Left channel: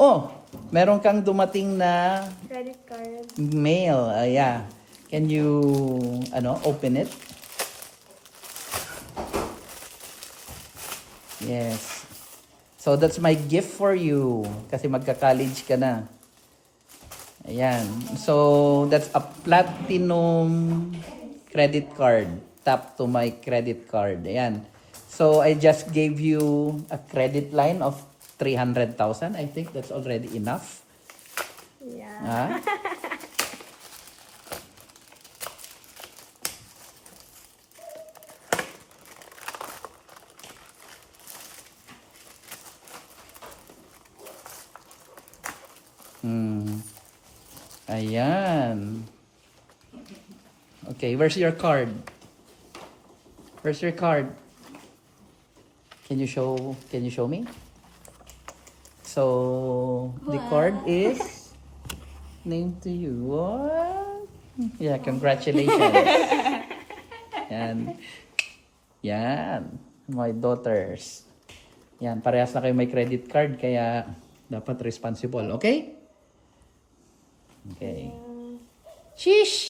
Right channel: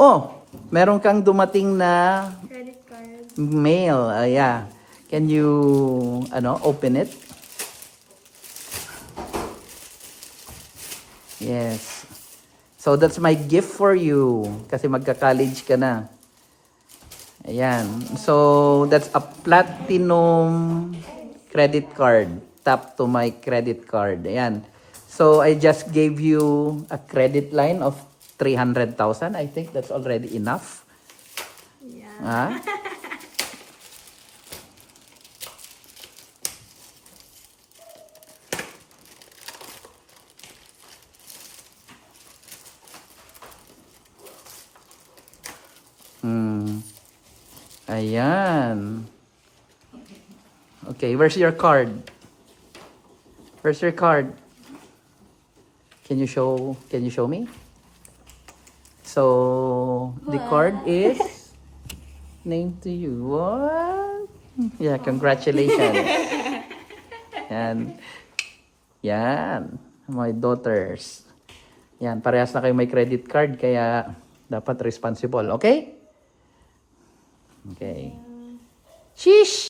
Oh, meron kang dumating na Credit card. mail. Yeah. Can you, open it? Yes. So that's my gift for you. Kasi magka-college ka na. Ayan. So that's a platinum credit card. Tap to my credit card. Ayan. So I just gave you a credit line of 300,000. I think that's already enough. Yeah. Ah? Ayan. Okay, where's your card? Where's your card? Can you show me? So, the card is named to you. What? Yeah, congratulations. Yan. Yan. My daughters. Yan, parehas na kayo may credit card kaya dapat responsible. Okay? Okay. Sheesh!